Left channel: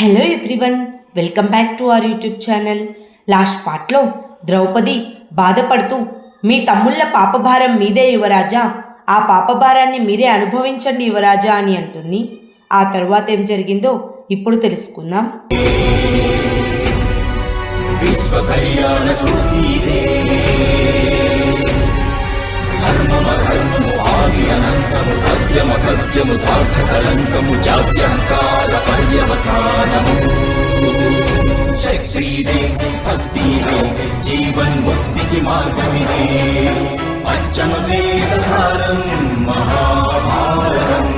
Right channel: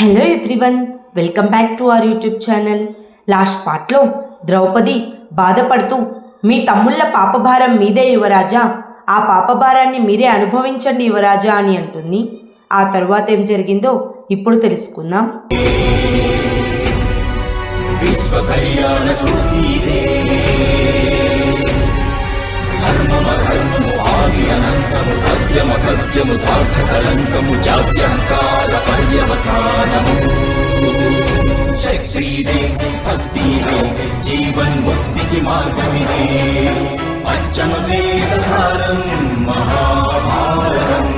Hello everyone, welcome back to our YouTube channel. Last పార్ట్లో ద్రౌపది బాధపడుతూ మీ తమ్ముళ్ళ పాపభారం మీదే యువరాజా, ఆ పాపభారాన్ని మీరే అనుభవించండి యువరాజా అని అంటుంది. ఆ తరువాత ఏం జరిగిందో ఇప్పుడు తెలుసుకుందాం. సత్యము సార్థకలంకము జాత్యంకార పర్యవసానము శక్తిదే భక్తిదే జీవన్ముక్తికి మార్గమిదే పంచమ వేద సారం మహాభారతం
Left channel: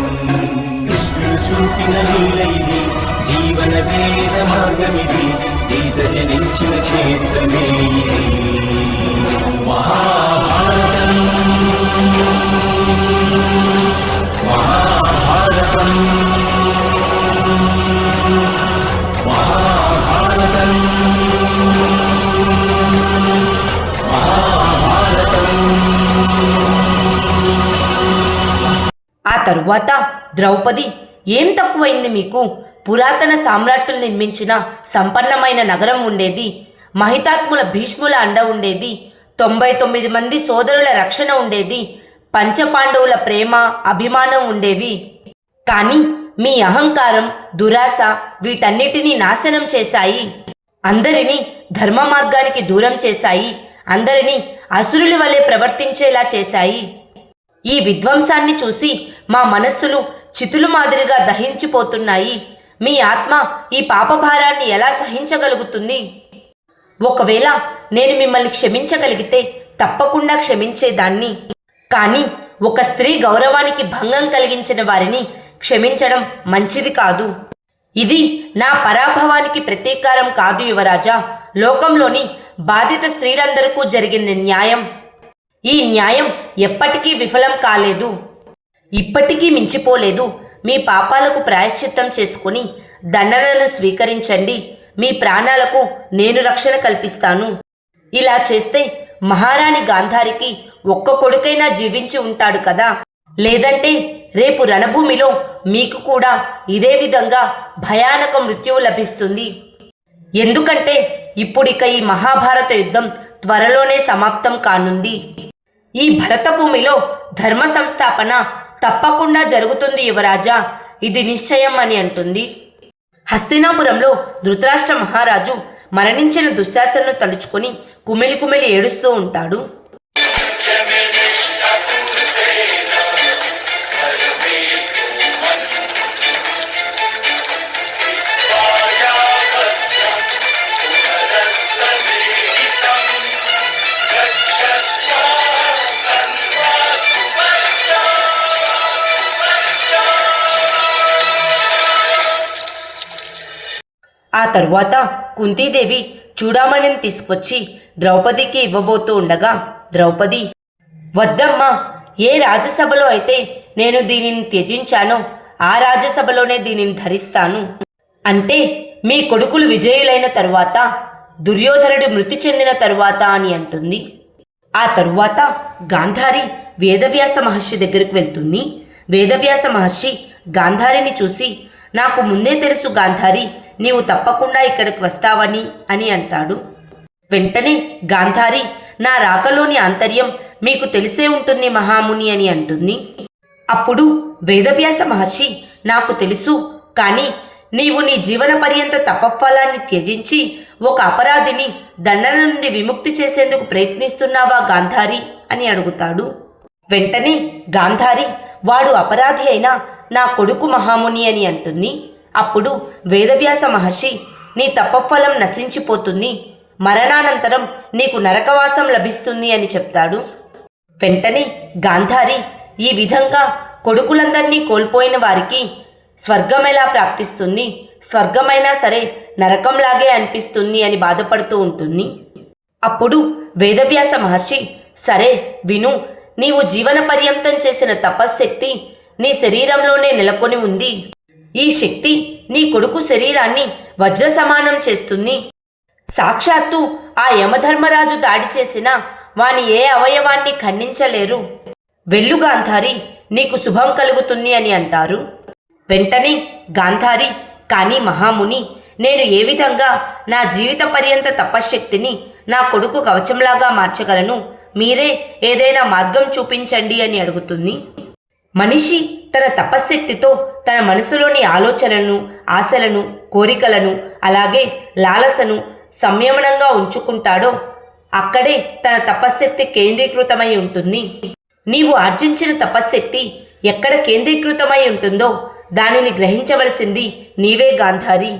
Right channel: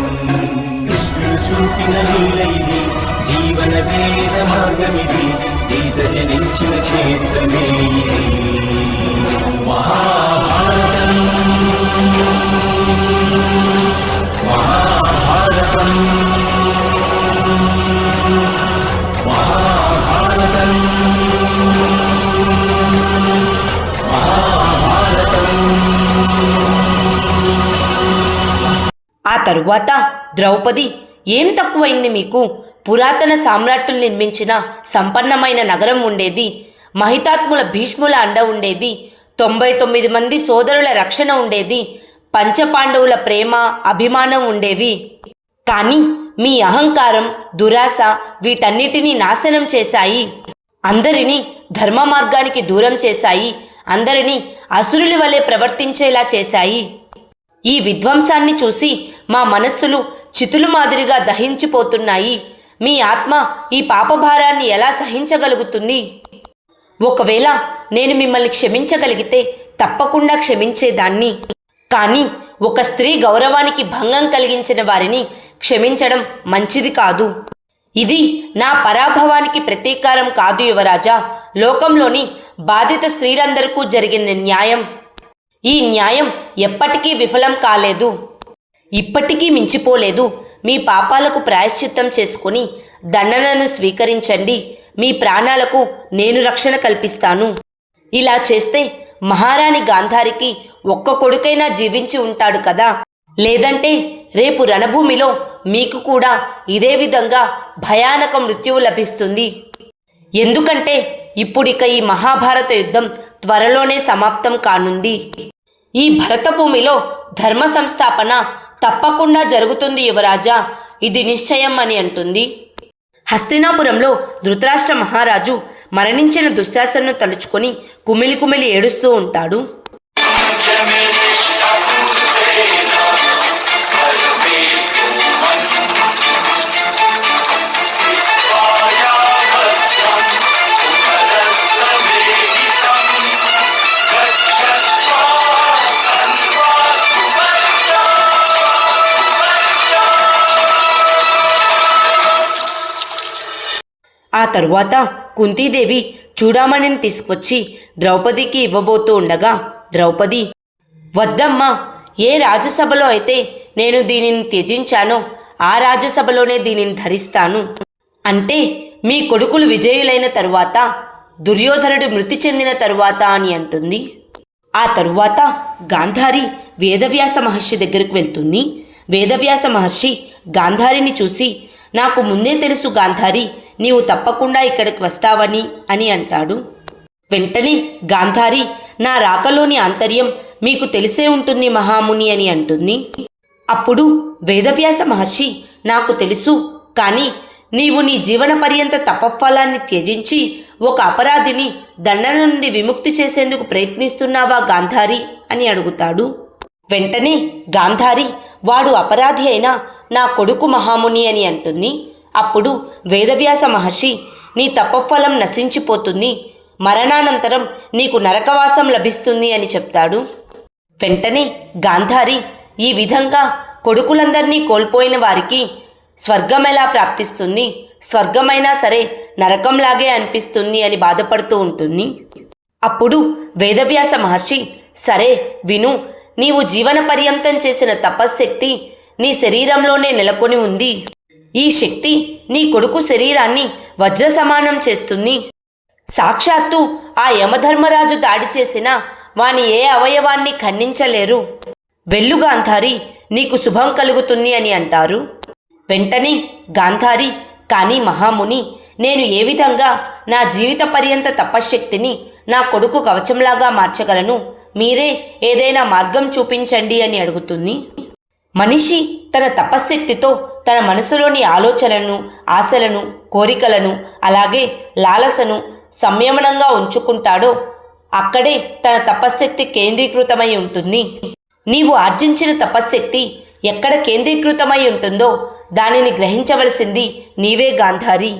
కృష్ణుడు చూపిన లీల ఇది జీవన వేద మార్గమిది గీత జనించిన క్షేత్రమే ఇది మహాభారతం. ఆ తరువాత ద్రౌపది, ఏం తక్కువైంది మీకు? పురాతన సామ్రాట్టులు నిర్మించిన సంపన్నమైన నగరం ఉండేది, మహితాత్ముల భీష్ముల అండ ఉండేది, 99 మంది సోదరుల రక్షణ ఉండేది, పంచపాండవుల ప్రేమ అభిమానం ఉండేవి. కానీ మీ అహంకారం దురాశ వీటన్నిటినీ నాశనం చేశాయి. అందరినీ ధర్మ మార్గానికి దూరం చేశాయి. అందరినీ అసురుల వలె ప్రవర్తించేలా చేశాయి. ఈ విధ్వంసాన్ని చూసి మా మనస్సులు చితులు మాదిరిగా దహించిపోతున్నాయి. మీ ఆత్మ ఈ పాపభారాన్ని ఎలా సహించగలుగుతుంది? ఒకవేళ నేను మిమ్మల్ని క్షమించగలిగితే తప్పకుండా క్షమించేదాన్ని. కానీ ఒక స్త్రీ గౌరవానికి భంగం కలిగించిన వారిని క్షమించడం మంచిది కాదు. ఇది నా పరాభవానికి ప్రతీకారం కాదు యువరాజా. లోకంలోని బాధిత స్త్రీలందరికీ జరిగిన న్యాయం. ఈ న్యాయం ఎప్పటికీ విఫలం కాలేదు, ఇప్పటికీ మించిపోలేదు. మీ పాపాలకు ప్రాయశ్చిత్తం చేసుకుని దండనను స్వీకరించండి. మీ ప్రాణాలకు నేను రక్షణ కల్పిస్తాను. ఇలా చేస్తే మహారాణి గాంధారికి ఒక్క కొడుకైనా జీవించి ఉంటాడు కదా. లేదంటే రేపు రణభూమిలో మీకు కూడా ఇదే విధంగా భయానక మృత్యువు లభిస్తుంది. ఎందుకంటే ఇప్పుడిక ఈ మహాభారత యుద్ధం త్వరలోనే సమాప్తం కానుంది. ఈ భరతభూమిలో ధర్మ సంస్థాపన తప్పకుండా జరుగుతుంది యువరాజా, ఇది నిశ్చయం అని అంటుంది. హస్తినాపురంలో ధృతరాష్ట్ర మహారాజు మరణించిన దుశ్శాసనను తలుచుకొని కుమిలి కుమిలి ఏడుస్తూ ఉంటాడు. ఆ తరువాత కుంతీదేవి చూడామణిని తీసుకొచ్చి ద్రౌపదికి ఇవ్వబోతూ ఉండగా, ద్రౌపది, వద్దమ్మా, ఏ రాజ్యసభలో అయితే నేను దీనిని త్యజించానో ఆ రాజ్యసభలోనే దీనిని ధరిస్తాను. అంటే మీ కొడుకులు విజయులైన తరువాత, దుర్యోధనుడు మృతి చెందిన తరువాత అని అంటుంది. ఆ తరువాత గాంధారి వేదవ్యాస మహర్షి దగ్గరికి వెళ్తుంది. వేదవ్యాస మహర్షి గాంధారిని చూసి, నాకు ముందే తెలుసు గాంధారి, నీవు తప్పకుండా ఇక్కడికి వస్తావని అని అంటాడు. వెంటనే గాంధారి, నా రాకలోని ఆంతర్యం మీకు తెలిసే ఉంటుంది మహాముని అని అంటుంది. అప్పుడు వేదవ్యాస మహర్షి, నాకు తెలుసు, కానీ నీవు నీ జీవన పర్యంత తపఫలాన్ని త్యజించి ఒక అపరాధిని దండన నుండి విముక్తి చేసేందుకు ప్రయత్నిస్తున్నావా గాంధారి అని అడుగుతాడు. వెంటనే గాంధారి, వాడు అపరాధి అయినా నా కొడుకు మహాముని అని అంటుంది. అప్పుడు వేదవ్యాస మహర్షి, నీ తపఫలం నశించిపోతుంది, మరణానంతరం నీకు నరకవాసం లభిస్తుంది అని చెప్తాడు. వెంటనే గాంధారి, ఈ విధంగా కొడుకులందరినీ కోల్పోయిన వారికి స్వర్గం ఎలా ప్రాప్తిస్తుంది? స్వర్గమైనా సరే నరకంలాగే అనిపిస్తుంది అని బాధపడుతూ ఉంటుంది. అప్పుడు వేదవ్యాస మహర్షి, సరే విను, నీవు జీవన పర్యంతం చేసిన తపశ్శక్తి నీ శరీరంలోనే నెలకొని ఉంది. ఈ శక్తి నీ కొడుకు శరీరాన్ని వజ్ర సమానం చేస్తుంది. సాక్షాత్తు ఆ యమధర్మరాజు దాడి చేసినా వాని ఏ అవయవాన్ని ఖండించలేరు. వెళ్ళు గాంధారి, నీకు శుభం కలుగుతుంది అని అంటారు. వెంటనే గాంధారి కానీ మహాముని, నేను ఏ విధంగా నా జీవిత పర్యంత తపశ్శక్తిని నా కొడుకు కవచంలాగా మార్చగలను? మీరే ఏదైనా మార్గం చూపించండి అని అడుగుతుంది. మనిషి తన తపశ్శక్తితో తన మనసులోని ఆలోచనలను, ఆశలను, కోరికలను, అలాగే లాలసను సంయమనంగా ఉంచుకుంటాడో అక్కడే తన తపశ్శక్తి కేంద్రీకృతమై ఉంటుంది. నీవు ఆర్జించిన తపశ్శక్తి ఎక్కడ కేంద్రీకృతమై ఉంటుందో దానిని గ్రహించవలసింది నీవే గాంధారి.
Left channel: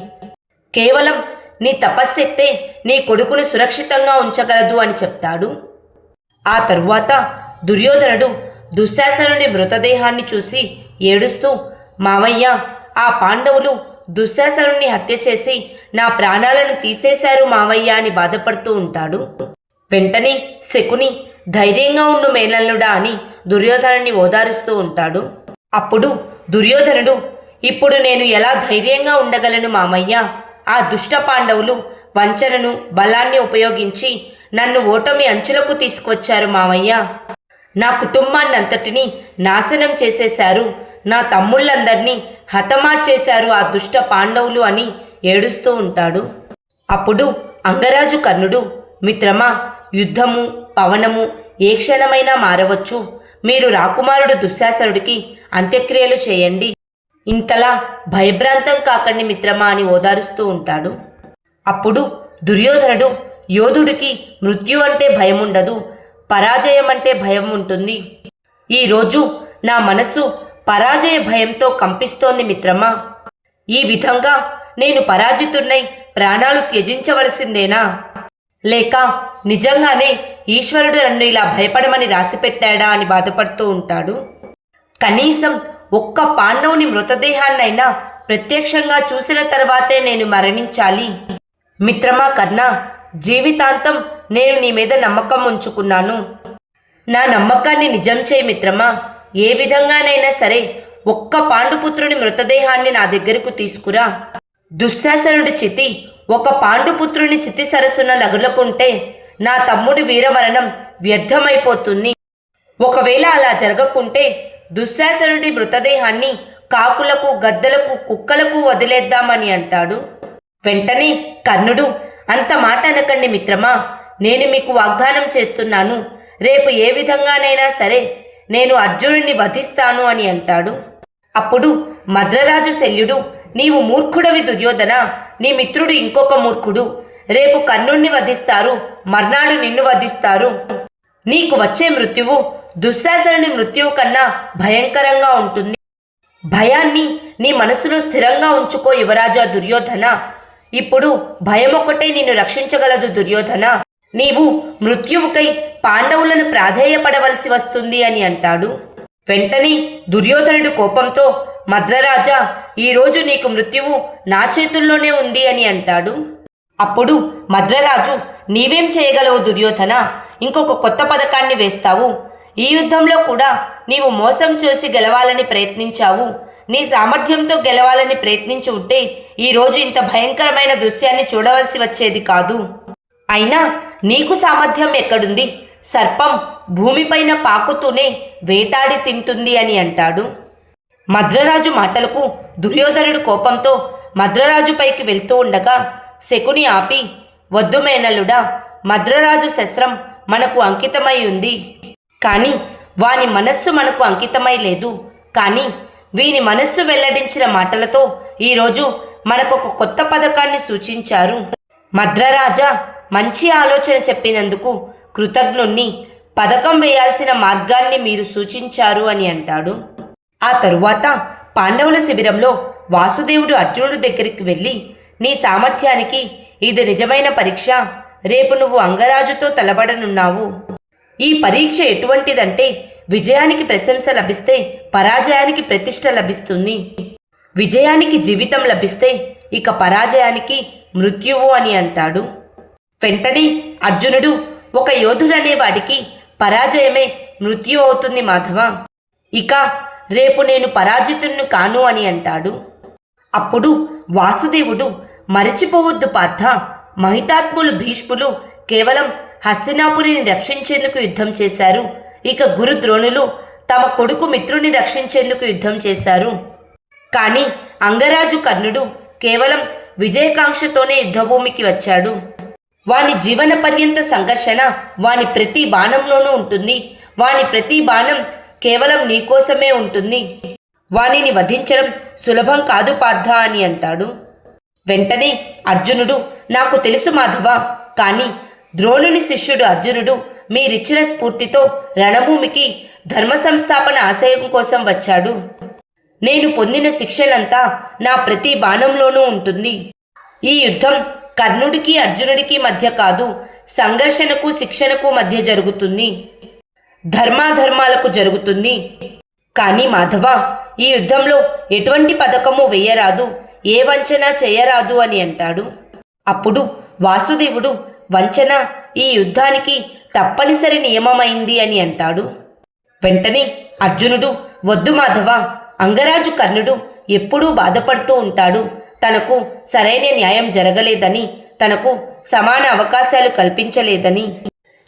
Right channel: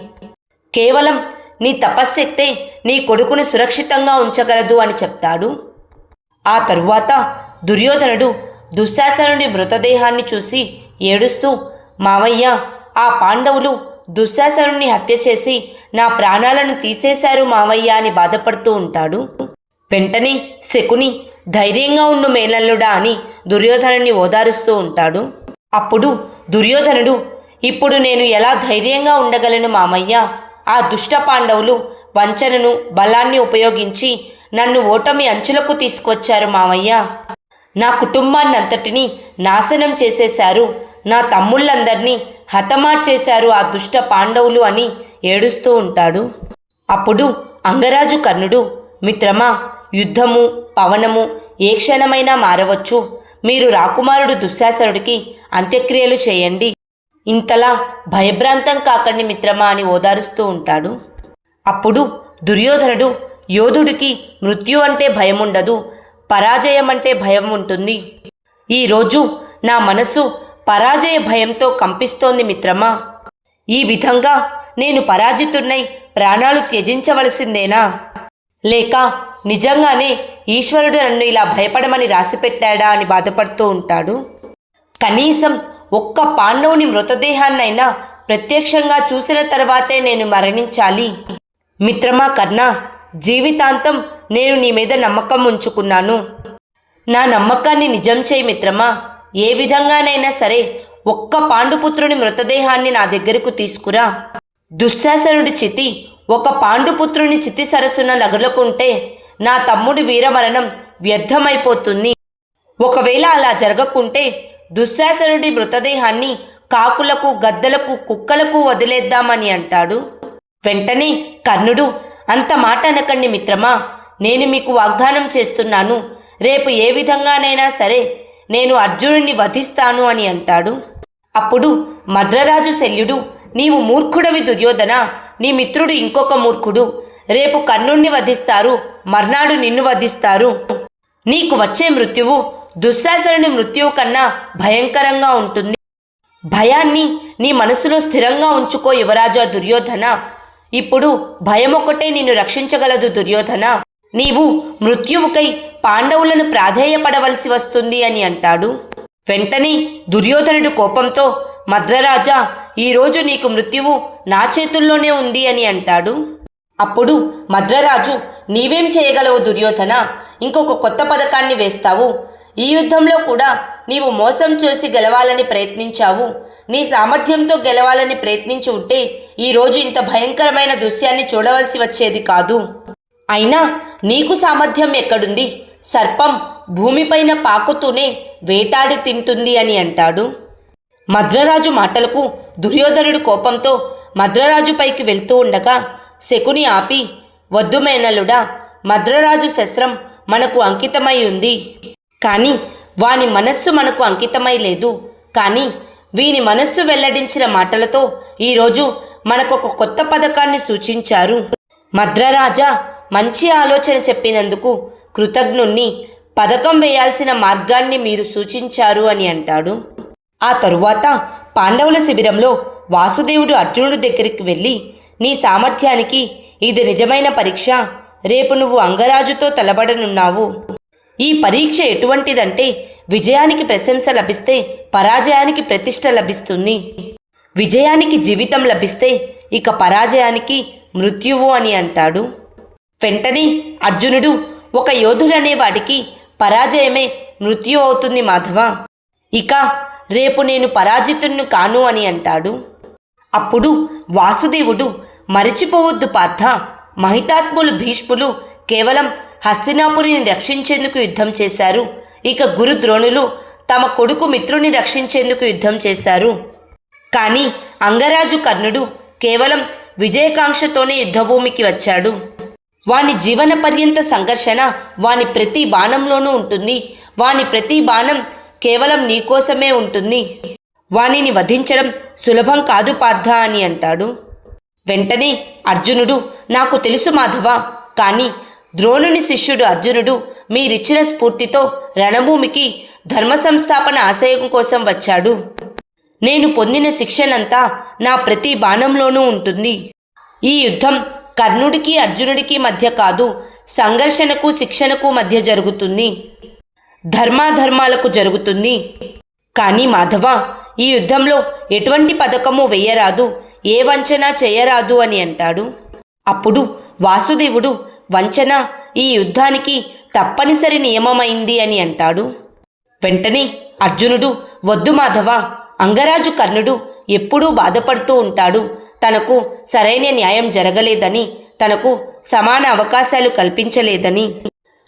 కేవలం నీ తపశ్శక్తే నీ కొడుకును సురక్షితంగా ఉంచగలదు అని చెప్తాడు. ఆ తరువాత దుర్యోధనుడు దుశ్శాసనుడి మృతదేహాన్ని చూసి ఏడుస్తూ, మావయ్య, ఆ పాండవులు దుశ్శాసనుడిని హత్య చేసి నా ప్రాణాలను తీసేశారు మావయ్య అని బాధపడుతూ ఉంటాడు. వెంటనే శకుని, ధైర్యంగా ఉండు మేనల్లుడా అని దుర్యోధనుడిని ఓదారుస్తూ ఉంటాడు. అప్పుడు దుర్యోధనుడు, ఇప్పుడు నేను ఎలా ధైర్యంగా ఉండగలను మామయ్య? ఆ దుష్ట పాండవులు వంచనను, బలాన్ని ఉపయోగించి నన్ను ఓటమి అంచులకు తీసుకొచ్చారు మామయ్య. నా కుటుంబాన్నంతటినీ నాశనం చేసేశారు. నా తమ్ముళ్ళందరినీ హతమార్చేశారు ఆ దుష్ట పాండవులు అని ఏడుస్తూ ఉంటాడు. అప్పుడు అంగరాజు కర్ణుడు, మిత్రమా, యుద్ధము, పవనము ఏ క్షణమైనా మారవచ్చు. మీరు రాకుమారుడు దుశ్శాసనుడికి అంత్యక్రియలు చేయండి. ఇంతలా భయభ్రాంతం కాకండి మిత్రమా అని ఓదారుస్తూ ఉంటాడు. అప్పుడు దుర్యోధనుడు, యోధుడికి మృత్యు అంటే భయముండదు, పరాజయం అంటే భయం ఉంటుంది. ఈరోజు నా మనసు పరాజయ భయంతో కంపిస్తోంది మిత్రమా. ఈ విధంగా నేను పరాజితున్నై ప్రాణాలు త్యజించవలసిందేనా? లేక నిజంగానే ఈశ్వరుడు నన్ను ఇలా భయపడమని రాసిపెట్టాడా అని బాధపడుతూ ఉంటాడు. కనీసం ఒక్క పాండవుని మృతదేహాన్నైనా ప్రత్యక్షంగా చూసిన తర్వాతే నేను మరణించాలి. మిత్రమా కర్ణ, జీవితాంతం నేను నీ మీద నమ్మకం ఉంచుకున్నాను. నా నమ్మకాన్ని నిజం చేయి మిత్రమా. ఏ విధంగానైనా సరే ఒక్క పాండుపుత్రుని మృతదేహాన్ని నా దగ్గరకు తీసుకురా. దుశ్శాసనుడి చితి ఒక పాండుపుత్రుని చితి సరస్సున లగులుకుంటే నా తమ్ముడి వీరమరణం వ్యర్థమైపోతుంది. ఒకవేళ అలా జరగకుంటే దుశ్శాసనుడి మృతదేహాన్ని కాకులకు, గద్దలకు, కుక్కలకు వదిలేద్దామని అంటాడు. వెంటనే కర్ణుడు, అంత మాట అనకండి మిత్రమా. నేను మీకు వాగ్దానం చేస్తున్నాను, రేపు ఏ విధంగానైనా సరే నేను అర్జునుడిని వధిస్తాను అని అంటాడు. అప్పుడు మద్రరాజు శల్యుడు, నీవు మూర్ఖుడవి దుర్యోధన, నీ మిత్రుడు ఇంకొక మూర్ఖుడు. రేపు కర్ణుణ్ణి వధిస్తారు, మర్నాడు నిన్ను వధిస్తారు. నీకు వచ్చే మృత్యువు దుశ్శాసనుడి మృత్యువు కన్నా భయంకరంగా ఉంటుంది. భయాన్ని నీ మనసులో స్థిరంగా ఉంచుకో యువరాజా దుర్యోధన. ఇప్పుడు భయమొక్కటే నిన్ను రక్షించగలదు దుర్యోధన. నీవు మృత్యువుకై పాండవులను ప్రాధేయపడవలసి వస్తుంది అని అంటాడు. వెంటనే దుర్యోధనుడి కోపంతో, మద్రరాజా, ఈరోజు నీకు మృత్యువు నా చేతుల్లోనే ఉంది అని అంటాడు. అప్పుడు మద్రరాజు, నీవేం చేయగలవు దుర్యోధన? ఇంకొక కొత్త పథకాన్ని వేస్తావు. ఈ యుద్ధంలో కూడా నీవు మోసం చేసి గెలవాలని ప్రయత్నించావు. నీ సామర్థ్యంతో గెలవాలని ప్రయత్నించి ఉంటే ఈరోజు ఇంత భయంకరమైన దృశ్యాన్ని చూడవలసి వచ్చేది కాదు. అయినా నీకు సామర్థ్యం ఎక్కడుంది? సర్పం భూమిపైన పాకుతూనే వేటాడి తింటుంది అని అంటాడు. మద్రరాజు మాటలకు దుర్యోధనుడు కోపంతో మద్రరాజుపైకి వెళ్తూ ఉండగా శకుని ఆపి, వద్దు మేనలుడా, మద్రరాజు శస్త్రం మనకు అంకితమై ఉంది. కానీ వాని మనస్సు మనకు అంకితమై లేదు. కానీ వీని మనస్సు వెల్లడించిన మాటలతో ఈరోజు మనకొక కొత్త పథకాన్ని సూచించారు. మద్రరాజా, మంచి ఆలోచన చెప్పినందుకు కృతజ్ఞుణ్ణి. పథకం వేయాల్సిన మార్గాన్ని మీరు సూచించారు అని అంటాడు. ఆ తరువాత పాండవుల శిబిరంలో వాసుదేవుడు అర్జునుడి దగ్గరికి వెళ్ళి, నీ సామర్థ్యానికి ఇది నిజమైన పరీక్ష. రేపు నువ్వు అంగరాజుతో తలబడనున్నావు. ఈ పరీక్ష ఎటువంటిదంటే విజయానికి ప్రశంస లభిస్తే పరాజయానికి ప్రతిష్ట లభిస్తుంది. విజయానికి జీవితం లభిస్తే ఇక పరాజయానికి మృత్యువు అని అంటాడు. వెంటనే అర్జునుడు, ఒక యోధుడనేవాడికి పరాజయమే మృత్యు అవుతుంది మాధవ. ఇక రేపు నేను పరాజితుణ్ణి కాను అని అంటాడు. అప్పుడు వాసుదేవుడు, మరిచిపోవద్దు పార్థ, మహితాత్ములు భీష్ములు కేవలం హస్తినాపురిని రక్షించేందుకు యుద్ధం చేశారు. ఇక గురు ద్రోణులు తమ కొడుకు మిత్రుని రక్షించేందుకు యుద్ధం చేశారు. కానీ అంగరాజు కర్ణుడు కేవలం విజయకాంక్షతోనే యుద్ధభూమికి వచ్చాడు. వాని జీవన పర్యంత సంఘర్షణ వాని ప్రతి బాణంలోనూ ఉంటుంది. వాని ప్రతి బాణం కేవలం నీకోసమే ఉంటుంది. వానిని వధించడం సులభం కాదు పార్థ అని అంటాడు. వెంటనే అర్జునుడు, నాకు తెలుసు మాధవ, కానీ ద్రోణుని శిష్యుడు అర్జునుడు మీరిచ్చిన స్ఫూర్తితో రణభూమికి ధర్మ సంస్థాపన ఆశయం కోసం వచ్చాడు. నేను పొందిన శిక్షణంతా నా ప్రతి బాణంలోనూ ఉంటుంది. ఈ యుద్ధం కర్ణుడికి అర్జునుడికి మధ్య కాదు, సంఘర్షణకు శిక్షణకు మధ్య జరుగుతుంది, ధర్మాధర్మాలకు జరుగుతుంది. కానీ మాధవ, ఈ యుద్ధంలో ఎటువంటి పథకము వేయరాదు, ఏ వంచన చేయరాదు అని అంటాడు. అప్పుడు వాసుదేవుడు, వంచన ఈ యుద్ధానికి తప్పనిసరి నియమమైంది అని అంటాడు. వెంటనే అర్జునుడు, వద్దు మాధవ, అంగరాజు కర్ణుడు ఎప్పుడూ బాధపడుతూ ఉంటాడు. తనకు సరైన న్యాయం జరగలేదని, తనకు సమాన అవకాశాలు కల్పించలేదని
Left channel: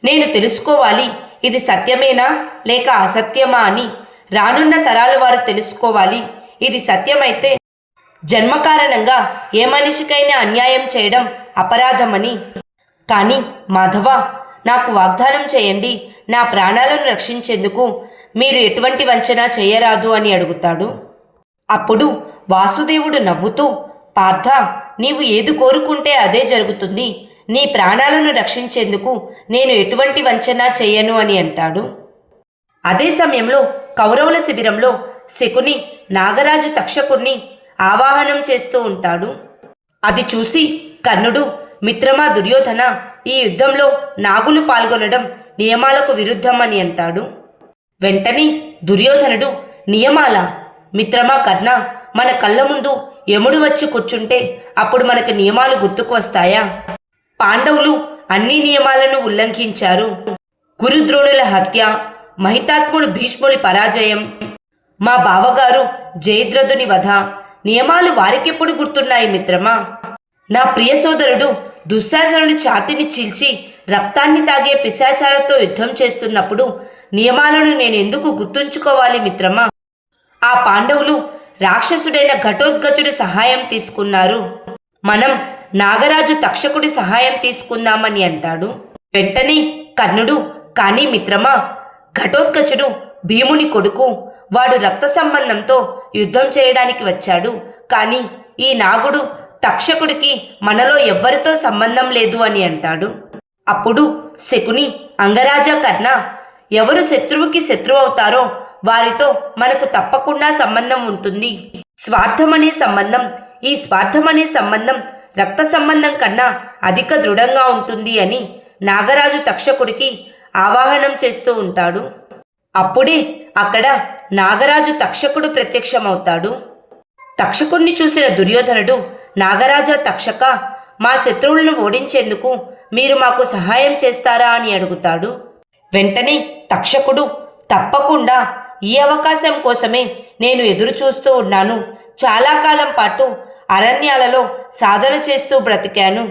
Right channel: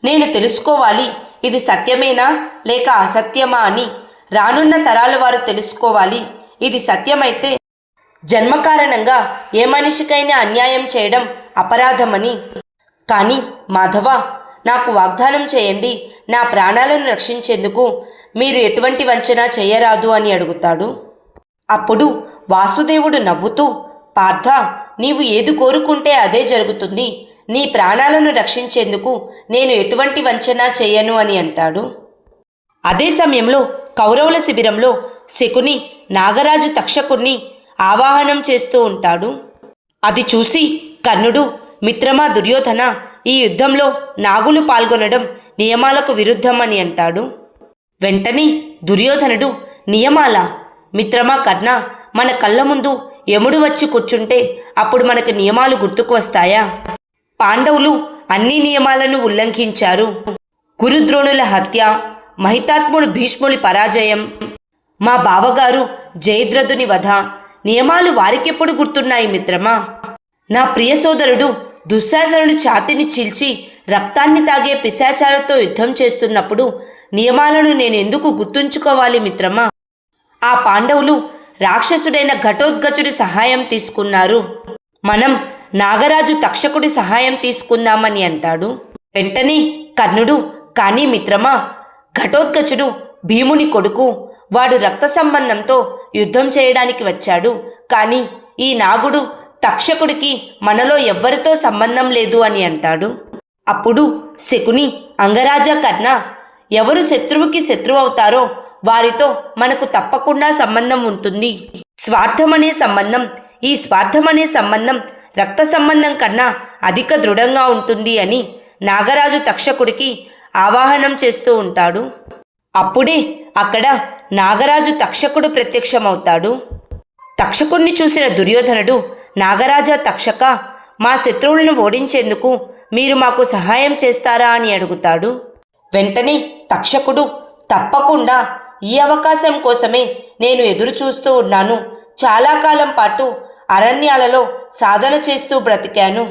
నేను తెలుసుకోవాలి. ఇది సత్యమేనా లేక అసత్యమా అని రానున్న తరాల వారు తెలుసుకోవాలి. ఇది సత్యమైతే జన్మకారణంగా ఏ మనిషికైనా అన్యాయం చేయడం అపరాధమని. కానీ మాధవ, నాకు వాగ్దానం చేయండి, నా ప్రాణాలను రక్షించేందుకు మీరు ఎటువంటి వంచన చేయరాదు అని అడుగుతాడు. అప్పుడు వాసుదేవుడు నవ్వుతూ, పార్థ, నీవు ఏది కోరుకుంటే అదే జరుగుతుంది. నీ ప్రాణాలను రక్షించేందుకు నేను ఎటువంటి వంచన చేయను అని అంటాడు. అదే సమయంలో కౌరవుల శిబిరంలో శకుని నాగరాజు తక్షకుణ్ణి ఆవాహనం చేస్తూ ఉంటాడు. అది చూసి కర్ణుడు, మిత్రమా దుర్యోధన, ఈ యుద్ధంలో నాగులు పాల్గొనడం నియమాలకు విరుద్ధం అని అంటాడు. వెంటనే దుర్యోధనుడు, నియమాల? మిత్రమా కర్ణ, మన కళ్ళ ముందు యముడు వచ్చి కూర్చుంటే అప్పుడు మనకు నియమాలు గుర్తుకు వస్తాయా? పాండవులు అన్ని నియమాలను ఉల్లంఘించారు. గురుద్రోణుల హత్య, మహితాత్ముడు భీష్ముడి పరాజయం, మా బావగారు జయద్రథుని వధ, నియమాలు వారికెప్పుడు గుర్తున్నాయి మిత్రమా? నా ప్రియ సోదరుడు దుశ్శాసనుడి ఛాతిని చీల్చి రక్తాన్ని తాగే పిశాచాలతో యుద్ధం చేస్తున్నప్పుడు నియమాలను నేను ఎందుకు గుర్తుంచుకోవాలి మిత్రమా? ఆ పాండవులు రాక్షసుడైన ఘటోత్కచుడి సహాయం తీసుకున్నారు. మనం నాగరాజు తక్షకుడి సహాయం తీసుకుందామని అంటాడు. వెంటనే కర్ణుడు, కానీ మిత్రమా, ఘటోత్కచుడు భీముని కొడుకు. వాడు రక్త సంబంధంతో యుద్ధం చేయడానికి వచ్చాడు. కానీ ఈ నాగుడు తక్షకుడికి మనలో ఎవ్వరితో సంబంధం లేదు అని అంటాడు. అప్పుడు శకుని, అంగరాజా కర్ణ, ఎవరు శత్రువుకి శత్రువు అవుతారో వారితో మనకు తప్పకుండా సంబంధం ఉంటుంది. స్వార్థమనే సంబంధం, ఈ స్వార్థమనే సంబంధం రక్త సంబంధం కన్నా అధిక దృఢంగా ఉంటుంది అని నాగరాజు తక్షకుడికి ఆవాహనం చేస్తూ ఉంటాడు. అప్పుడే అక్కడ నాగరాజు తక్షకుడు ప్రత్యక్షమవుతాడు. తక్షకుణ్ణి చూసిన దుర్యోధనుడు, నాగరాజా తక్షక, మా శత్రువులను ఓడించేందుకు మీరు మాకు సహాయం చేస్తారా అని అడుగుతాడు. వెంటనే తక్షకుడు, తప్పకుండా, ఈ అవకాశం కోసమే నేను ఎదురు చూస్తూ ఉన్నాను. చాలా కాలం పాటు అరణ్యాలలో సాధన చేస్తూ బ్రతికాను.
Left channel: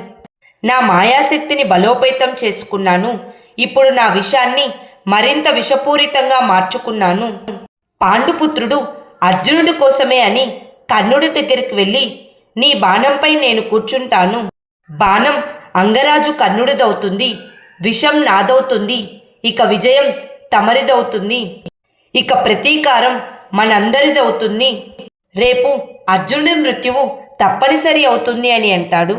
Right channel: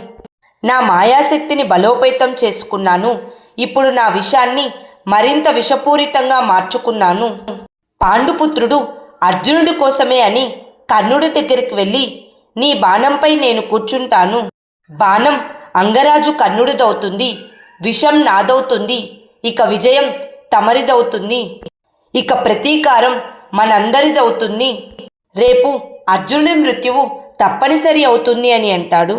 నా మాయాశక్తిని బలోపేతం చేసుకున్నాను. ఇప్పుడు నా విషాన్ని మరింత విషపూరితంగా మార్చుకున్నాను. పాండుపుత్రుడు అర్జునుడి కోసమే అని కర్ణుడి దగ్గరికి వెళ్ళి, నీ బాణంపై నేను కూర్చుంటాను. బాణం అంగరాజు కర్ణుడిదవుతుంది, విషం నాదవుతుంది. ఇక విజయం తమరిదవుతుంది. ఇక ప్రతీకారం మనందరిదవుతుంది. రేపు అర్జునుడి మృత్యువు తప్పనిసరి అవుతుంది అని అంటాడు.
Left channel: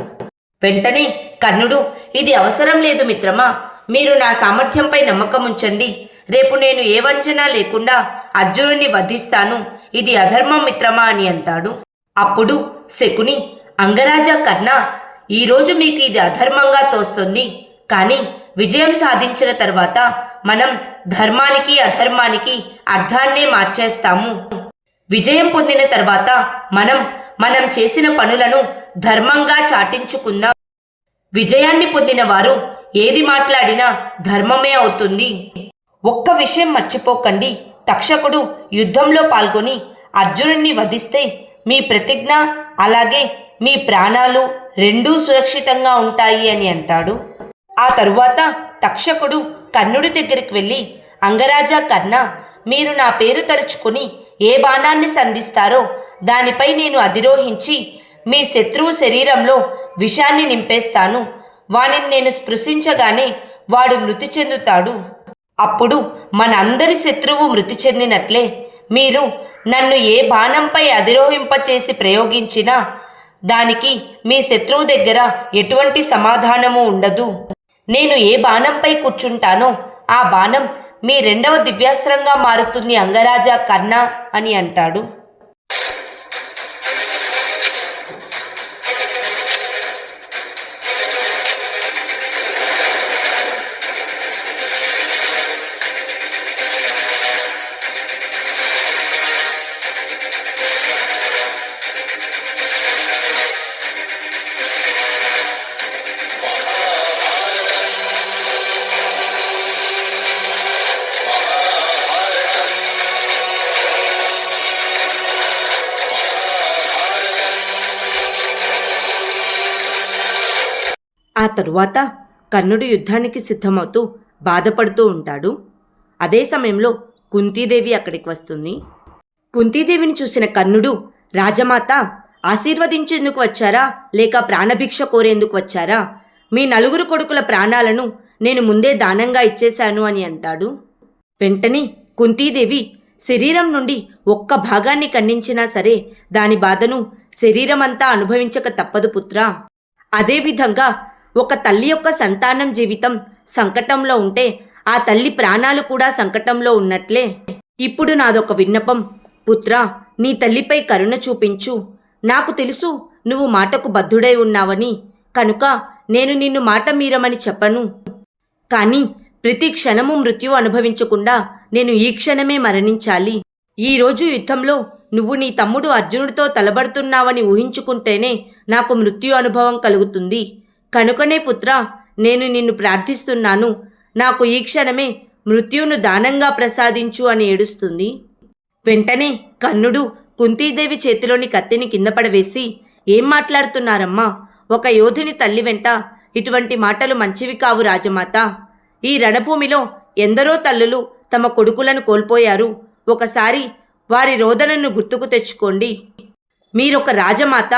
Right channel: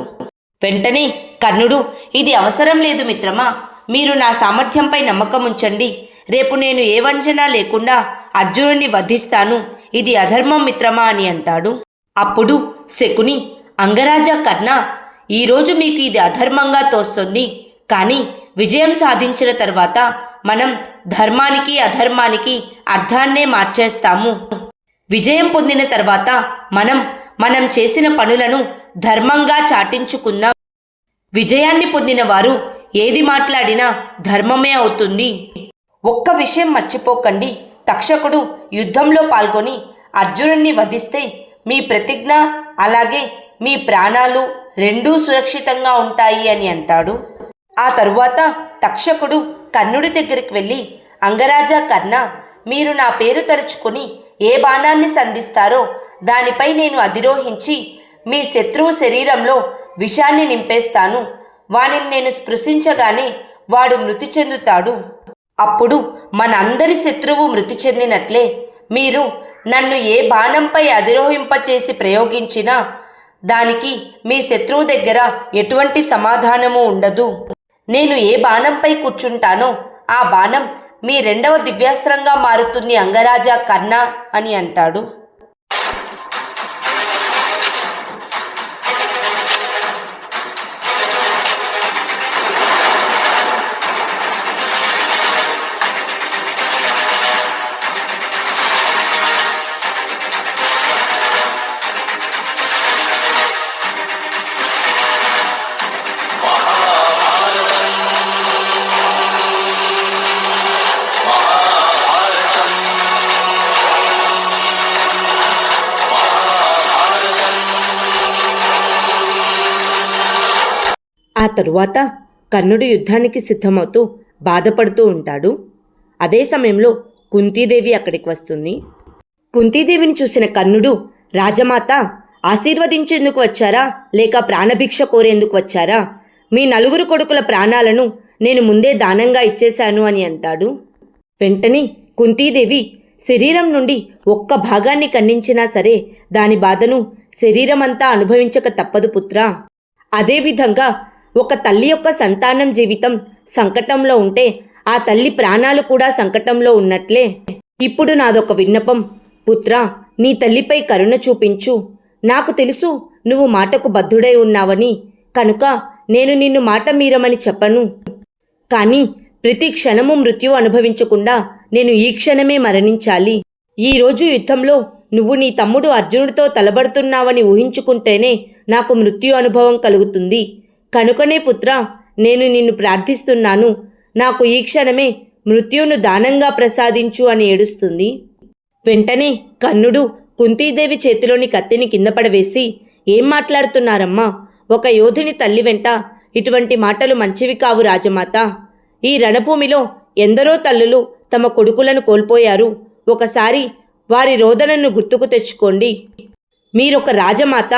వెంటనే కర్ణుడు, ఇది అవసరం లేదు మిత్రమా, మీరు నా సామర్థ్యంపై నమ్మకం ఉంచండి. రేపు నేను ఏ వంచన లేకుండా అర్జునుడిని వధిస్తాను. ఇది అధర్మం మిత్రమా అని అంటాడు. అప్పుడు శకుని, అంగరాజా కర్ణ, ఈరోజు మీకు ఇది అధర్మంగా తోస్తుంది. కానీ విజయం సాధించిన తర్వాత మనం ధర్మానికి అధర్మానికి అర్థాన్నే మార్చేస్తాము. విజయం పొందిన తర్వాత మనం చేసిన పనులను ధర్మంగా చాటించుకుందాం. విజయాన్ని పొందిన వారు ఏది మాట్లాడినా ధర్మమే అవుతుంది. ఒక్క విషయం మర్చిపోకండి, తక్షకుడు యుద్ధంలో పాల్గొని అర్జునుడిని వధిస్తే మీ ప్రతిజ్ఞ అలాగే మీ ప్రాణాలు రెండూ సురక్షితంగా ఉంటాయి అని అంటాడు. ఆ తరువాత తక్షకుడు కర్ణుడి దగ్గరికి వెళ్ళి, అంగరాజా కర్ణ, మీరు నా పేరు తలుచుకుని ఏ బాణాన్ని సంధిస్తారో దానిపై నేను అధిరోహించి మీ శత్రువు శరీరంలో విషాన్ని నింపేస్తాను. వానిని నేను స్పృశించగానే వాడు మృతి చెందుతాడు. అప్పుడు మనందరి శత్రువు మృతి చెందినట్లే మీరు నన్ను ఏ బాణంపై అధిరోహింపచేసి ప్రయోగించినా దానికి మీ శత్రువు దగ్గర ఎటువంటి సమాధానము ఉండదు. నేను ఏ బాణంపై కూర్చుంటానో ఆ బాణం మీ రెండవ దివ్యాస్త్రంగా మారుతుంది అంగరాజా కర్ణ అని అంటాడు. ఆ తరువాత కర్ణుడు యుద్ధానికి సిద్ధమవుతూ బాధపడుతూ ఉంటాడు. అదే సమయంలో కుంతీదేవి అక్కడికి వస్తుంది. కుంతీదేవిని చూసిన కర్ణుడు, రాజమాత ఆశీర్వదించేందుకు వచ్చారా లేక ప్రాణభిక్ష కోరేందుకు వచ్చారా? మీ 4 కొడుకుల ప్రాణాలను నేను ముందే దానంగా ఇచ్చేశాను అని అంటాడు. వెంటనే కుంతీదేవి శరీరం నుండి ఒక్క భాగాన్ని ఖండించినా సరే దాని బాధను శరీరమంతా అనుభవించక తప్పదు పుత్రా. అదేవిధంగా ఒక తల్లి యొక్క సంతానం జీవితం సంకటంలో ఉంటే ఆ తల్లి ప్రాణాలు కూడా సంకటంలో ఉన్నట్లే. ఇప్పుడు నాదొక విన్నపం పుత్రా, నీ తల్లిపై కరుణ చూపించు. నాకు తెలుసు నువ్వు మాటకు బద్ధుడై ఉన్నావని, కనుక నేను నిన్ను మాట మీరమని చెప్పను. కానీ ప్రతి క్షణము మృత్యు అనుభవించకుండా నేను ఈ క్షణమే మరణించాలి. ఈరోజు యుద్ధంలో నువ్వు నీ తమ్ముడు అర్జునుడితో తలబడుతున్నావని ఊహించుకుంటేనే నాకు మృత్యు అనుభవం కలుగుతుంది. కనుకనే పుత్రా, నేను నిన్ను ప్రార్థిస్తున్నాను, నాకు ఈ క్షణమే మృత్యువును దానంగా ప్రసాదించు అని ఏడుస్తుంది. వెంటనే కర్ణుడు కుంతీదేవి చేతిలోని కత్తిని కింద పడవేసి, ఏం మాట్లాడుతున్నారమ్మా? ఒక యోధుని తల్లి వెంట ఇటువంటి మాటలు మంచివి కావు రాజమాత. ఈ రణభూమిలో ఎందరో తల్లులు తమ కొడుకులను కోల్పోయారు. ఒకసారి వారి రోదనను గుర్తుకు తెచ్చుకోండి. మీరొక రాజమాత,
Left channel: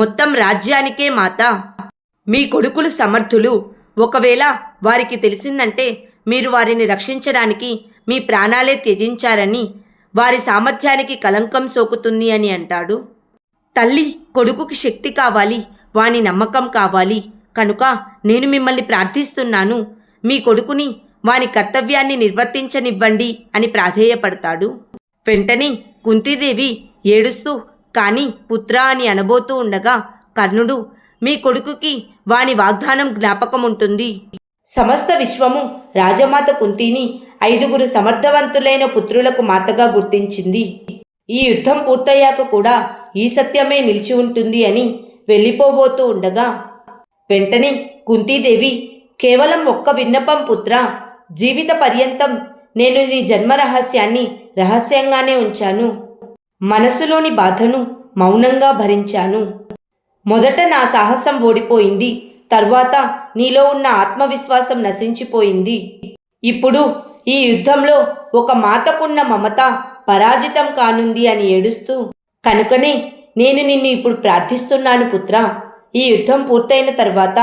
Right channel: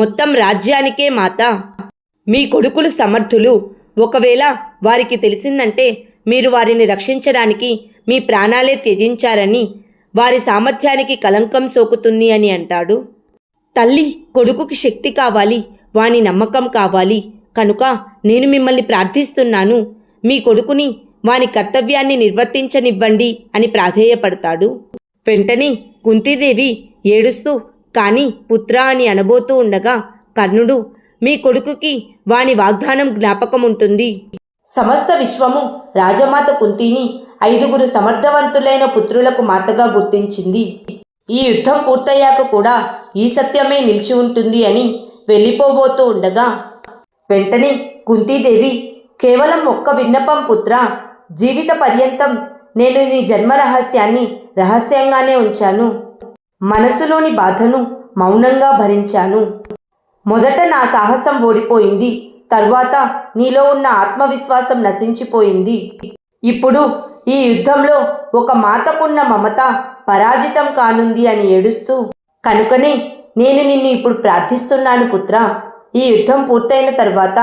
మొత్తం రాజ్యానికే మాత. మీ కొడుకులు సమర్థులు. ఒకవేళ వారికి తెలిసిందంటే మీరు వారిని రక్షించడానికి మీ ప్రాణాలే త్యజించారని, వారి సామర్థ్యానికి కళంకం సోకుతుంది అని అంటాడు. తల్లి కొడుకుకి శక్తి కావాలి, వాని నమ్మకం కావాలి. కనుక నేను మిమ్మల్ని ప్రార్థిస్తున్నాను, మీ కొడుకుని వాని కర్తవ్యాన్ని నిర్వర్తించనివ్వండి అని ప్రాధేయపడతాడు. వెంటనే కుంతీదేవి ఏడుస్తూ కానీ పుత్రా అని అనబోతూ ఉండగా కర్ణుడు, మీ కొడుకుకి వాని వాగ్దానం జ్ఞాపకం ఉంటుంది. సమస్త విశ్వము రాజమాత కుంతిని 5 సమర్థవంతులైన పుత్రులకు మాతగా గుర్తించింది. ఈ యుద్ధం పూర్తయ్యాక కూడా ఈ సత్యమే నిలిచి ఉంటుంది అని వెళ్ళిపోబోతూ ఉండగా వెంటనే కుంతీదేవి, కేవలం ఒక్క విన్నపం పుత్రా, జీవిత పర్యంతం నేను నీ జన్మ రహస్యాన్ని రహస్యంగానే ఉంచాను. మనసులోని బాధను మౌనంగా భరించాను. మొదట నా సాహసం ఓడిపోయింది, తరువాత నీలో ఉన్న ఆత్మవిశ్వాసం నశించిపోయింది. ఇప్పుడు ఈ యుద్ధంలో ఒక మాతకున్న మమత పరాజితం కానుంది అని ఏడుస్తూ, కనుకనే నేను నిన్ను ఇప్పుడు ప్రార్థిస్తున్నాను పుత్రా, ఈ యుద్ధం పూర్తయిన తర్వాత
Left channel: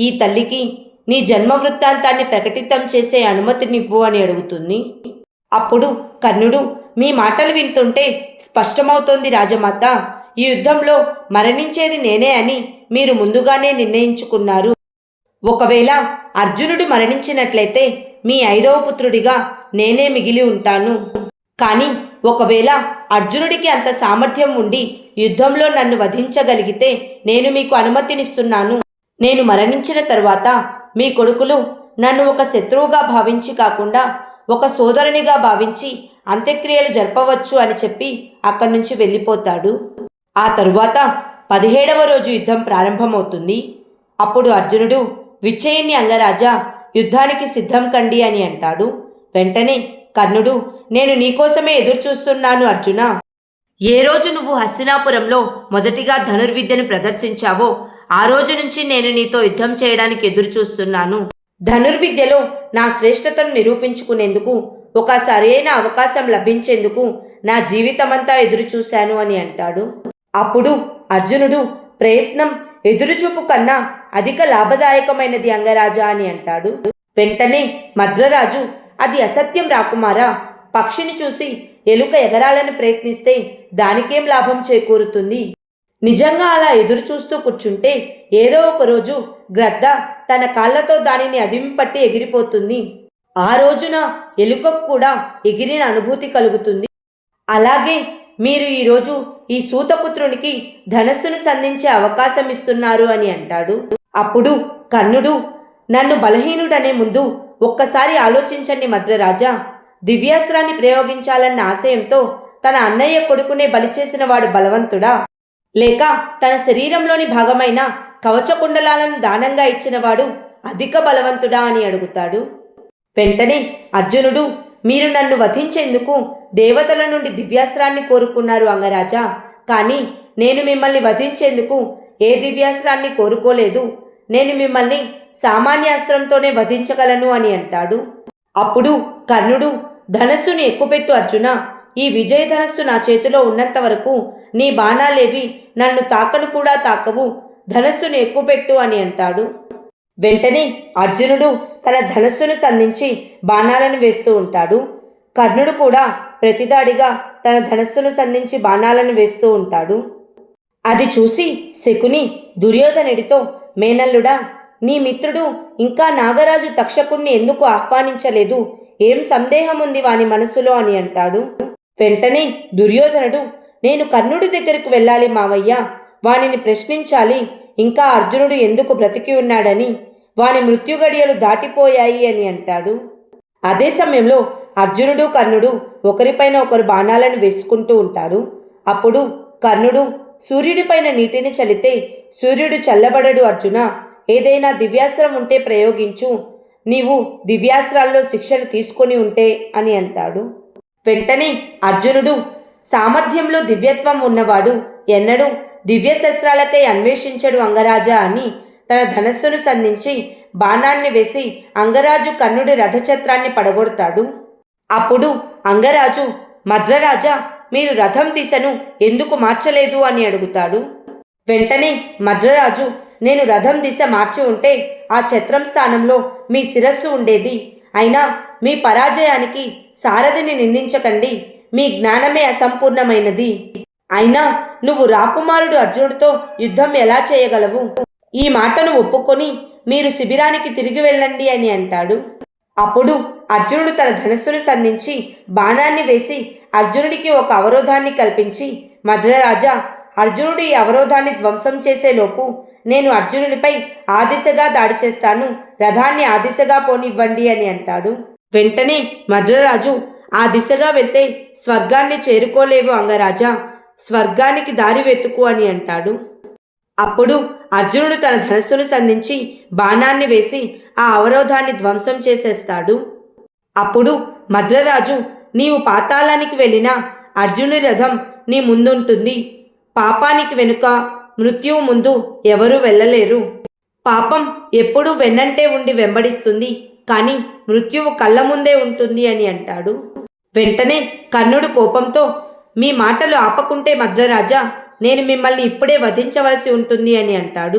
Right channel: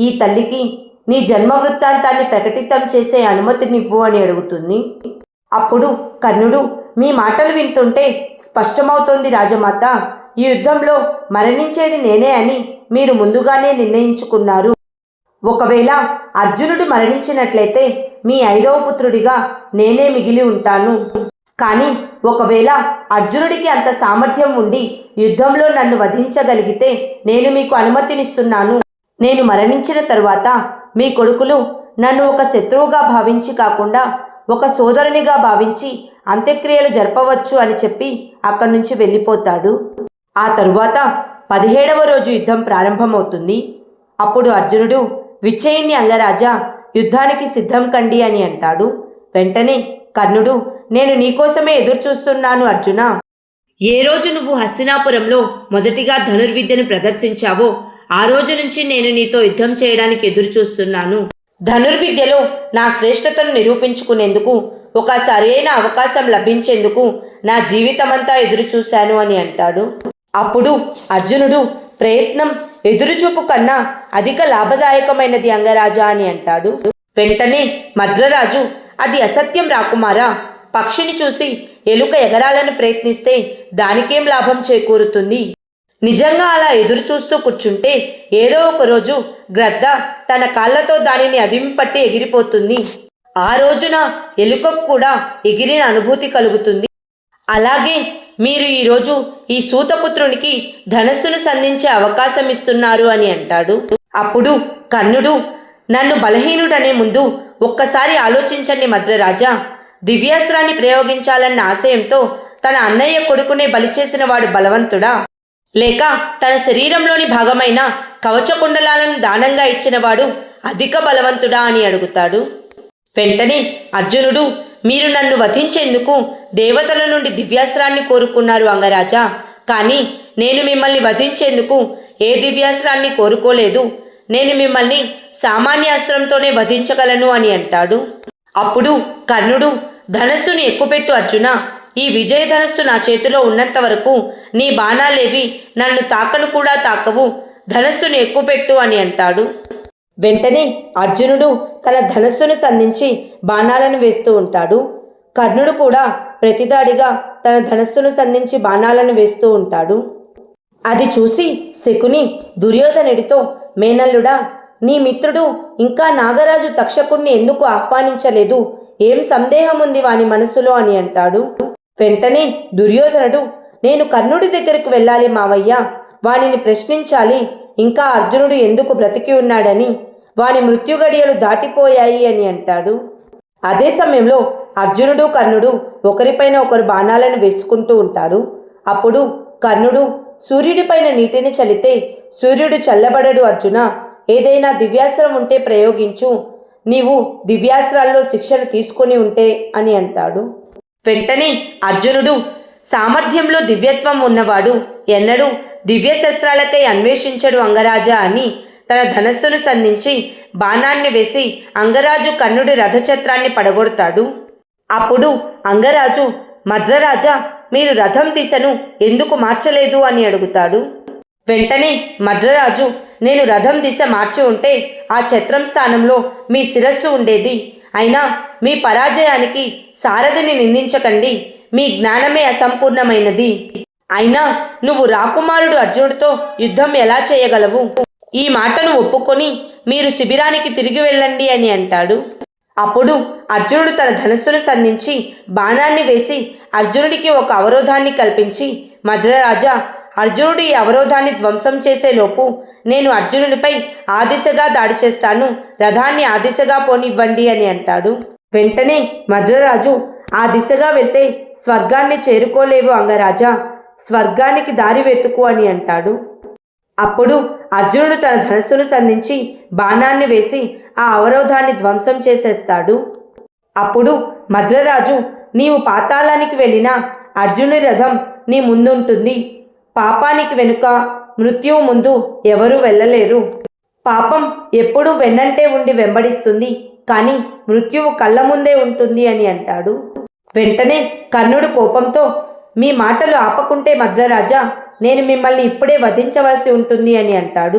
ఈ తల్లికి నీ జన్మ వృత్తాంతాన్ని ప్రకటితం చేసే అనుమతినివ్వు అని అడుగుతుంది. అప్పుడు కర్ణుడు, మీ మాటలు వింటుంటే స్పష్టమవుతోంది రాజమాత, ఈ యుద్ధంలో మరణించేది నేనే అని మీరు ముందుగానే నిర్ణయించుకున్నారు. ఒకవేళ అర్జునుడు మరణించినట్లయితే మీ 5వ పుత్రుడిగా నేనే మిగిలి ఉంటాను. కానీ ఒకవేళ అర్జునుడికి అంత సామర్థ్యం ఉండి యుద్ధంలో నన్ను వధించగలిగితే నేను మీకు అనుమతినిస్తున్నాను. నేను మరణించిన తరువాత మీ కొడుకులు నన్ను ఒక శత్రువుగా భావించి కాకుండా ఒక సోదరునిగా భావించి అంత్యక్రియలు జరపవచ్చు అని చెప్పి అక్కడి నుంచి వెళ్ళిపోతాడు. ఆ తరువాత 17వ రోజు యుద్ధం ప్రారంభమవుతుంది. అప్పుడు అర్జునుడు, విచ్చేయండి అంగరాజా, యుద్ధానికి సిద్ధం కండి అని అంటాడు. వెంటనే కర్ణుడు, నేను నీకోసమే ఎదురుచూస్తున్నాను అర్జున. ఏ రోజు నువ్వు హస్తినాపురంలో మొదటిగా ధనుర్విద్యను ప్రదర్శించావో ఆ రోజు నుంచి నేను నీతో యుద్ధం చేయడానికి ఎదురుచూస్తున్నాను. ధనుర్విద్యలో నా శ్రేష్టతను నిరూపించుకునేందుకు ఒక సరైన అవకాశం లభించేందుకు నా జీవితమంతా ఎదురుచూశాను అని అంటాడు. అప్పుడు అర్జునుడు, ప్రయత్నం ఎదురుచూపు కన్నా అధిక లాభదాయకమైనది అంగరాజా అని అంటాడు. వెంటనే మద్రరాజు, అది అసత్యం రాకుమారా. పక్షిని చూసి ఎలుక ఎగరాలని ప్రయత్నిస్తే దానికేం లాభం చేకూరుతుంది? నిజంగా అలా ఎదురు చూస్తూ కూర్చుంటే ఏదో ఒకరోజు గ్రద్ద తన కాళ్ళతో దానిని అదిమిపట్టి ఎగిరిపోతుంది. ఆ రోజున ఎలుకకు కూడా ఎగిరిన అనుభూతి కలుగుతుంది. అలాగే మీరు ఈరోజు ఈ సూతపుత్రునికి ధనస్సును సంధించే అవకాశం ఇస్తున్నారు అని అంటాడు. అప్పుడు కర్ణుడు, నన్ను బలహీనుడనే ముందు ఒక్కసారి ఆలోచించండి మద్రరాజా. దివ్యాస్త్రాన్ని ప్రయోగించాలన్న ఆశయంతో తన అన్నయ్య కొడుకునే బలి చేసిన వాడు బలవంతుడా, లేక తన శరీరంలోని భాగమైన కవచకుండలాలను దానంగా ఇచ్చినవాడు అధిక బలవంతుడా అని అడుగుతాడు. వెంటనే అర్జునుడు, మీరు నన్ను వధించేందుకు దేవతల నుండి దివ్యాస్త్రాన్ని కోరుకున్నారు అంగరాజా, కానీ నేను మిమ్మల్ని వధించేందుకు ఏ దివ్యాస్త్రాన్ని కోరుకోలేదు. నేను మిమ్మల్ని సామాన్య అస్త్రంతోనే వధించగలను అని అంటాడు. అప్పుడు కర్ణుడు, ధనస్సుని ఎక్కుపెట్టు అర్జున. ఈ విజయధనస్సు నా చేతిలో ఉన్నంత వరకు నీ బాణాలేవి నన్ను తాకను కూడా తాకవు. ధనస్సుని ఎక్కుపెట్టు అని అంటాడు. వెంటనే అర్జునుడు తన ధనస్సును సంధించి బాణాలను వేస్తూ ఉంటాడు. కర్ణుడు కూడా ప్రతిదాడిగా తన ధనస్సును సంధించి బాణాలను వేస్తూ ఉంటాడు. అది చూసి శకుని దుర్యోధనుడితో, మేనల్లుడా, నీ మిత్రుడు ఇంకా నాగరాజు తక్షకుణ్ణి ఎందుకు ఆహ్వానించలేదు? ఏం సందేహం ఉంది వాని మనసులో అని అంటాడు. వెంటనే దుర్యోధనుడు, నేను కర్ణుడి దగ్గరకు వెళ్ళాలి మావయ్య, వానిని ప్రశ్నించాలి, ఇంకా అర్జునుడు ఎందుకు బ్రతికి ఉన్నాడని, వాని మృత్యుగడియలు దాటిపోయాయి అని అంటాడు. అదే సమయంలో అర్జునుడు కర్ణుడు ఒకరిపైన ఒకరు బాణాలను వేసుకుంటూ ఉంటారు. అప్పుడు కర్ణుడు, సూర్యుడిపైన నీటిని చల్లితే సూర్యుడు చల్లబడడు అర్జున, ఏదైనా దివ్యాస్త్రం ఉంటే ప్రయోగించు, నీవు దివ్యాస్త్రాల్లో శిక్షణ తీసుకొని ఉంటే అని అంటాడు. వెంటనే అర్జునుడు, సామర్థ్యంలో దివ్యత్వం ఉన్నవాడు ఎన్నడూ దివ్యశస్త్రాలకై అన్వేషించడు అంగరాజా అని తన ధనస్సును సంధించి బాణాన్ని వేసి అంగరాజు కర్ణుడి రథచత్రాన్ని పడగొడతాడు. అప్పుడు అంగరాజు, మద్రరాజా, మీరు రథం దిశను ఎందుకు మార్చలేదు అని అడుగుతాడు. వెంటనే మద్రరాజు, నేను రథం దిశ మార్చి ఉంటే ఆ ఛత్రం స్థానంలో మీ శిరస్సు ఉండేది. అయినా మీ పరాజయానికి సారథిని నిందించకండి, మీ జ్ఞానమే అసంపూర్ణమైనది. అయినా నువ్వు రాకుమారుడు అర్జునుడితో యుద్ధం ఎలా చేయగలవు? ఈ మాటను ఒప్పుకొని మీరు శిబిరానికి తిరిగి వెళ్ళండి అని అంటాడు. అప్పుడు అర్జునుడు తన ధనస్సును సంధించి బాణాన్ని వేసి అర్జునుడికి ఒక అవరోధాన్ని కల్పించి, మద్రరాజా, అర్జునుడు ఈ అవరోధాన్ని ధ్వంసం చేసేలోపు నేను అర్జునునిపై ఆ దిశగా దాడి చేస్తాను, రథాన్ని ఆ దిశగా పోనివ్వండి అని అంటాడు. వెంటనే మద్రరాజు, ఆ దిశగా వెళ్తే స్వర్గాన్ని చేరుకోలేవు అంగరాజా, స్వర్గానికి దారి వెతుకు అని అంటాడు. అప్పుడు అర్జునుడు తన ధనస్సును సంధించి బాణాన్ని వేసి ఆ అవరోధాన్ని ధ్వంసం చేసేస్తాడు. అప్పుడు మద్రరాజు, నీవు పాతాళానికి వెళ్ళినా అర్జునుడి రథం నీ ముందుంటుంది. పాపానికి వెనుక, మృత్యువు ముందు ఎవరూ వెళ్ళలేరు. పాపం ఎప్పుడూ వెన్నంటే ఉండి వెంబడిస్తుంది, కానీ మృత్యువు కళ్ళ ముందే ఉంటుంది అని అంటాడు. వెంటనే కర్ణుడు కోపంతో, మీ మాటలు ఆపకుంటే మద్రరాజా, నేను మిమ్మల్ని ఇప్పుడే వధించవలసి ఉంటుంది అని అంటాడు.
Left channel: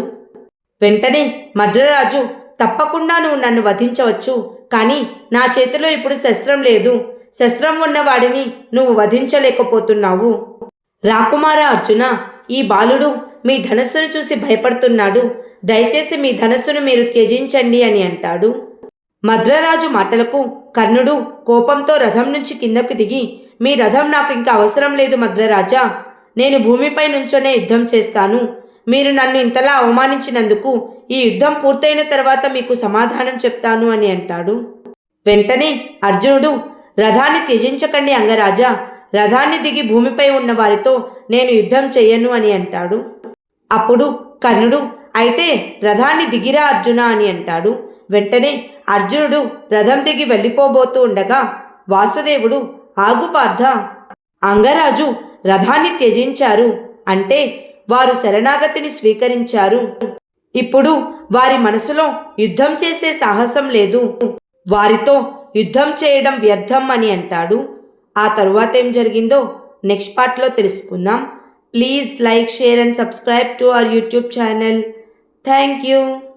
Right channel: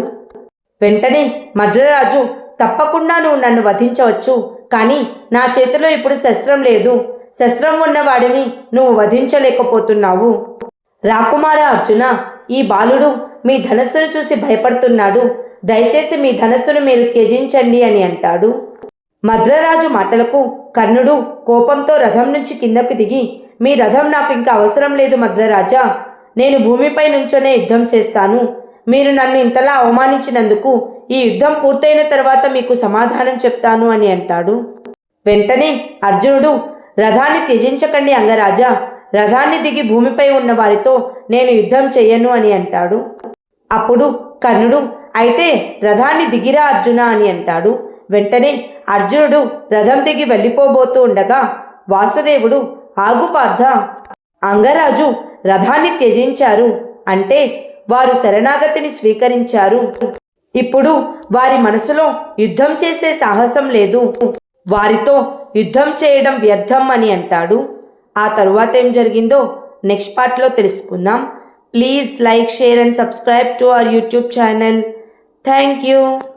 వెంటనే మద్రరాజు, తప్పకుండా నువ్వు నన్ను వధించవచ్చు, కానీ నా చేతిలో ఇప్పుడు శస్త్రం లేదు. శస్త్రం ఉన్నవాడిని నువ్వు వధించలేకపోతున్నావు. రాకుమారా అర్జున, ఈ బాలుడు మీ ధనస్సును చూసి భయపడుతున్నాడు. దయచేసి మీ ధనస్సును మీరు త్యజించండి అని అంటాడు. మద్రరాజు మాటలకు కర్ణుడు కోపంతో రథం నుంచి కిందకు దిగి, మీ రథం నాకు ఇంకా అవసరం లేదు మద్రరాజా, నేను భూమిపై నుంచోనే యుద్ధం చేస్తాను. మీరు నన్ను ఇంతలా అవమానించినందుకు ఈ యుద్ధం పూర్తయిన తర్వాత మీకు సమాధానం చెప్తాను అని అంటాడు. వెంటనే అర్జునుడు, రథాన్ని త్యజించకండి అంగరాజా, రథాన్ని దిగి భూమిపై ఉన్న వారితో నేను యుద్ధం చెయ్యను అని అంటాడు. అప్పుడు కర్ణుడు, అయితే రథాన్ని దిగిరా అర్జున అని అంటాడు. వెంటనే అర్జునుడు రథం దిగి వెళ్ళిపోబోతూ ఉండగా వాసుదేవుడు, ఆగు పార్థ, అంగరాజు రథాన్ని త్యజించారు అంటే వారు శరణాగతిని స్వీకరించారు. ఇప్పుడు వారి మనసులో యుద్ధం చేసే సాహసం లేదు, వారితో యుద్ధం చేయడం వ్యర్థం అని అంటాడు. ఆ తరువాత ఏం జరిగిందో నెక్స్ట్ పార్ట్లో తెలుసుకుందాం. Please like, share and subscribe to our YouTube channel. Thank you.